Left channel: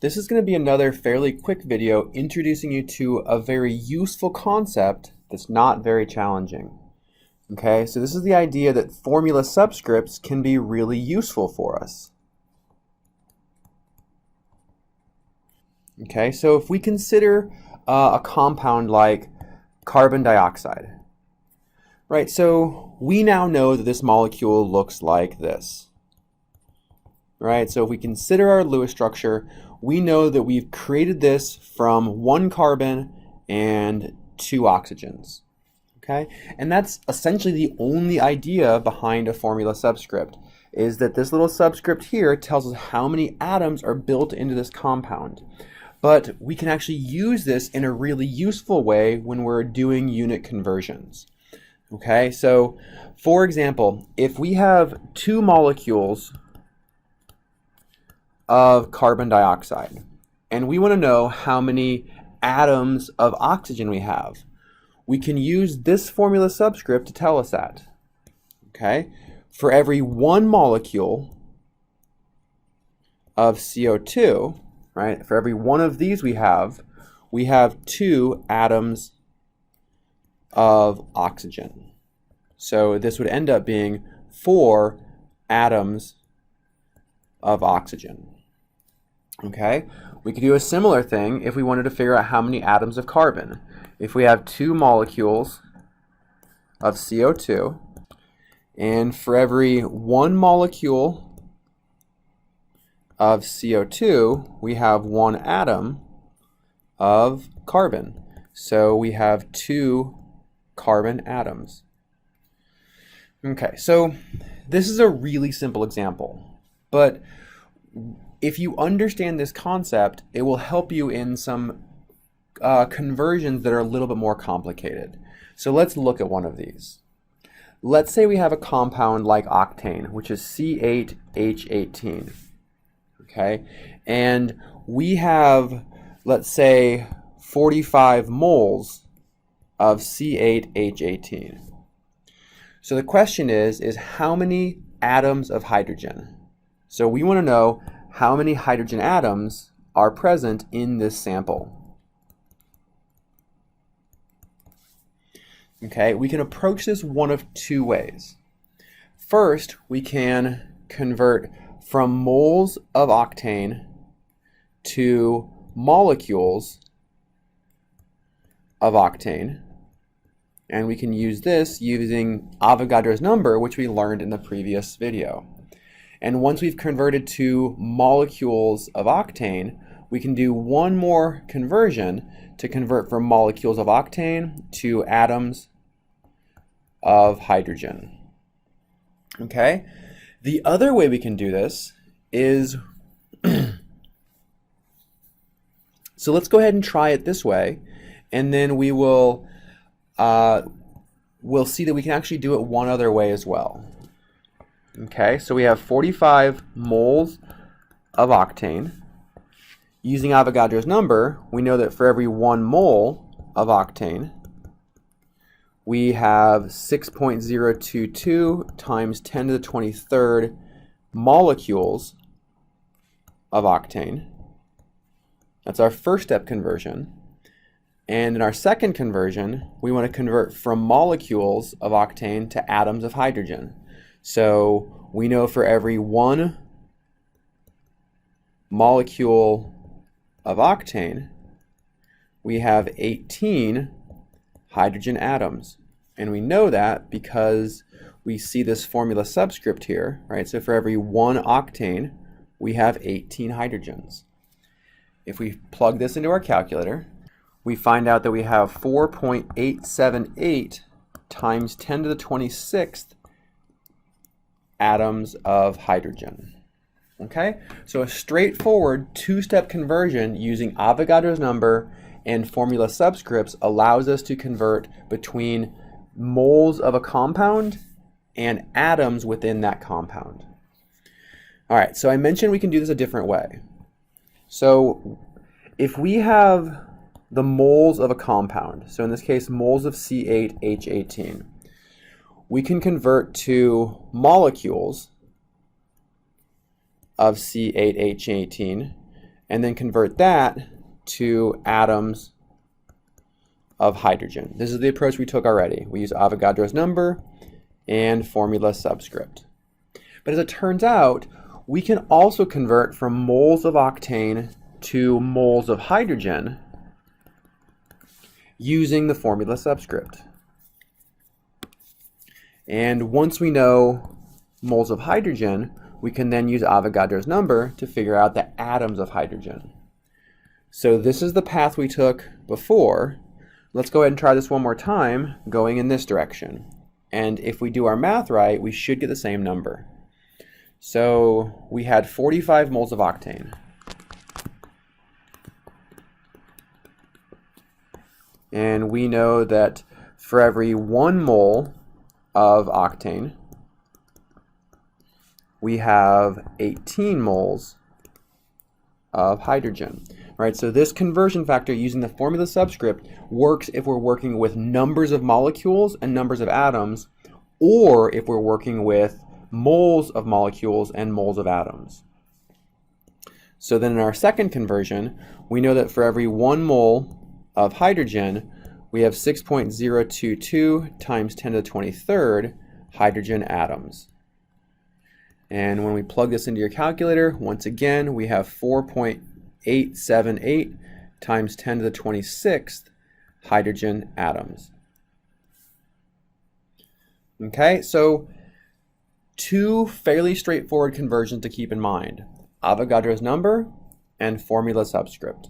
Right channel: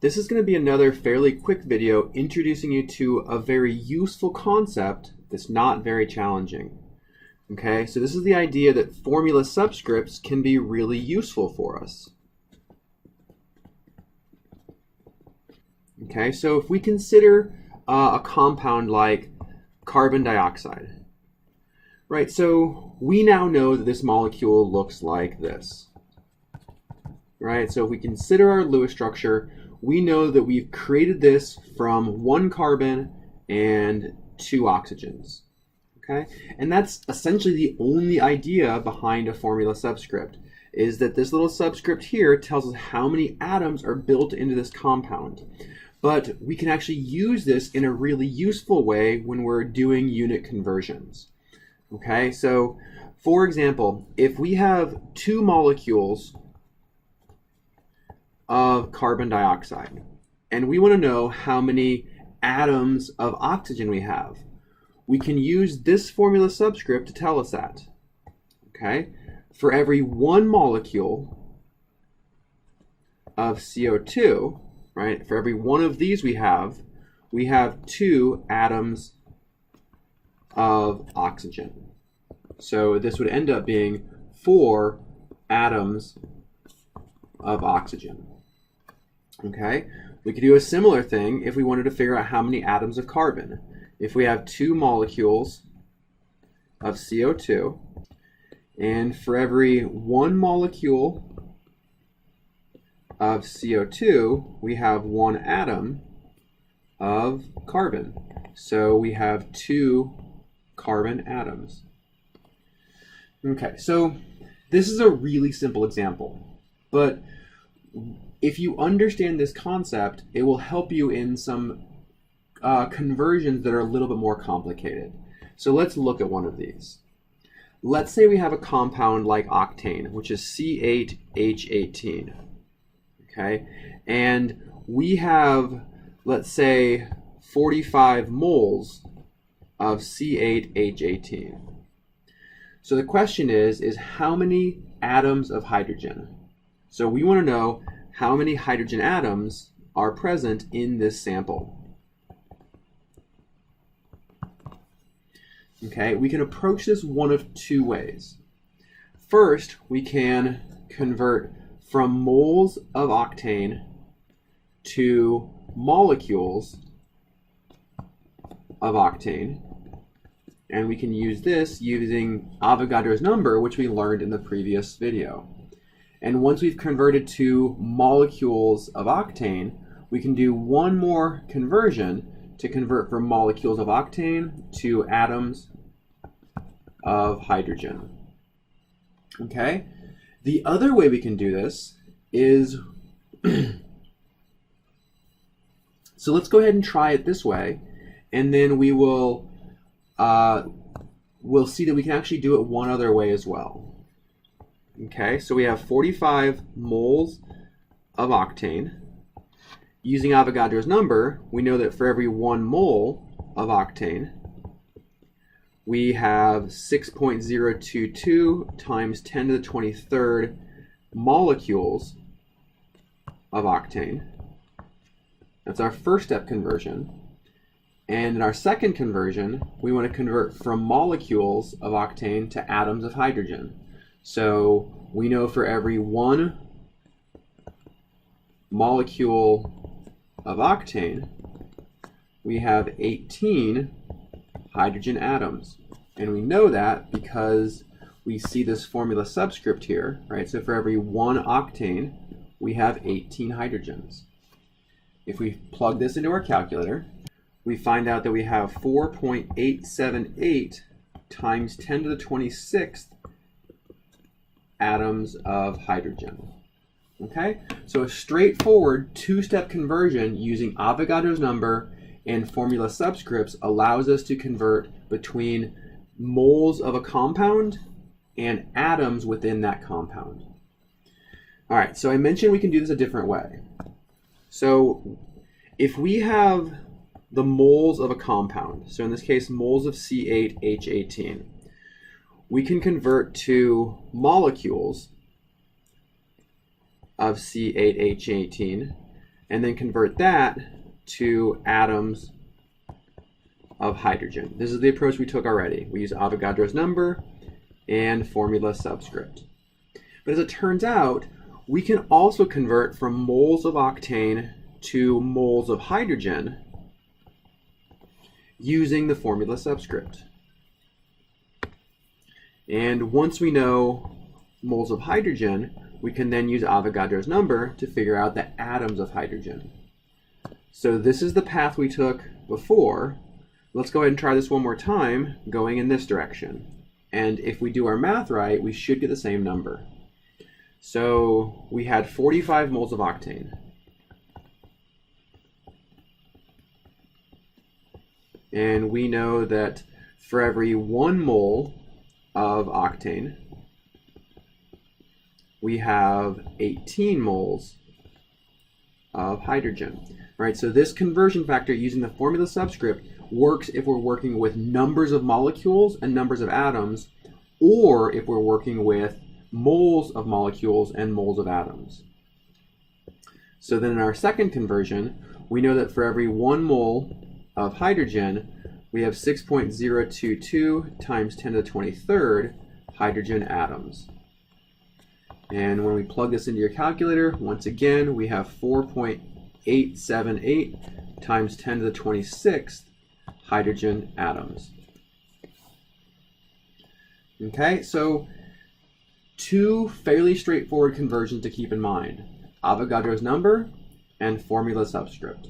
This is going to be another fairly quick video introducing you to a very useful concept that's not very challenging. Okay, so this is the idea that formula subscripts can be really useful for us. Okay, so if we consider a compound like carbon dioxide, right? So we now know that this molecule looks like this, right? So if we consider our Lewis structure, we know that we've created this from one carbon and two oxygens, okay? And that's essentially the only idea behind a formula subscript, is that this little subscript here tells us how many atoms are built into this compound. But we can actually use this in a really useful way when we're doing unit conversions. Okay, so for example, if we have two molecules of carbon dioxide and we want to know how many atoms of oxygen we have, we can use this formula subscript to tell us that. Okay, for every one molecule of CO2, right? For every one of these we have two atoms of oxygen. So this would end up being 4 atoms of oxygen. Okay? We could do a similar thing if we wanted to figure out how many atoms of carbon. If we have 2 molecules of CO2, and for every 1 molecule of CO2, we have 1 atom of carbon. So we have 2 carbon atoms. Okay, so this is a really simple example, but if you understand this concept, it will help you in some conversions that are a little bit more complicated. So let's look at one of these. Let's say we have a compound like octane, which is C8H18. Okay, and we have, let's say, 45 moles of C8H18. So the question is how many atoms of hydrogen? So we want to know how many hydrogen atoms are present in this sample. Okay, we can approach this one of two ways. First, we can convert from moles of octane to molecules of octane. And we can use this using Avogadro's number, which we learned in the previous video. And once we've converted to molecules of octane, we can do one more conversion to convert from molecules of octane to atoms of hydrogen. Okay? The other way we can do this is, so let's go ahead and try it this way, and then we will we'll see that we can actually do it one other way as well. Okay, so we have 45 moles of octane. Using Avogadro's number, we know that for every 1 mole of octane, we have 6.022 times 10 to the 23rd molecules of octane. That's our first step conversion. And in our second conversion, we want to convert from molecules of octane to atoms of hydrogen. So we know for every 1 molecule of octane, we have 18 hydrogen atoms. And we know that because we see this formula subscript here, right? So for every 1 octane, we have 18 hydrogens. If we plug this into our calculator, we find out that we have 4.878 times 10 to the 26th atoms of hydrogen. Okay, so a straightforward two-step conversion using Avogadro's number and formula subscripts allows us to convert between moles of a compound and atoms within that compound. All right, so I mentioned we can do this a different way. So if we have the moles of a compound, so in this case moles of C8H18, we can convert to molecules of C8H18 and then convert that to atoms of hydrogen. This is the approach we took already. We use Avogadro's number and formula subscript. But as it turns out, we can also convert from moles of octane to moles of hydrogen using the formula subscript. And once we know moles of hydrogen, we can then use Avogadro's number to figure out the atoms of hydrogen. So this is the path we took before. Let's go ahead and try this one more time, going in this direction. And if we do our math right, we should get the same number. So we had 45 moles of octane. And we know that for every 1 mole of octane, we have 18 moles of hydrogen. Right, so this conversion factor using the formula subscript works if we're working with numbers of molecules and numbers of atoms, or if we're working with moles of molecules and moles of atoms. So then in our second conversion, we know that for every 1 mole of hydrogen, we have 6.022 times 10 to the 23rd hydrogen atoms. And when we plug this into your calculator, once again, we have 4.878 times 10 to the 26th hydrogen atoms. Okay, so 2 fairly straightforward conversions to keep in mind: Avogadro's number and formula subscript.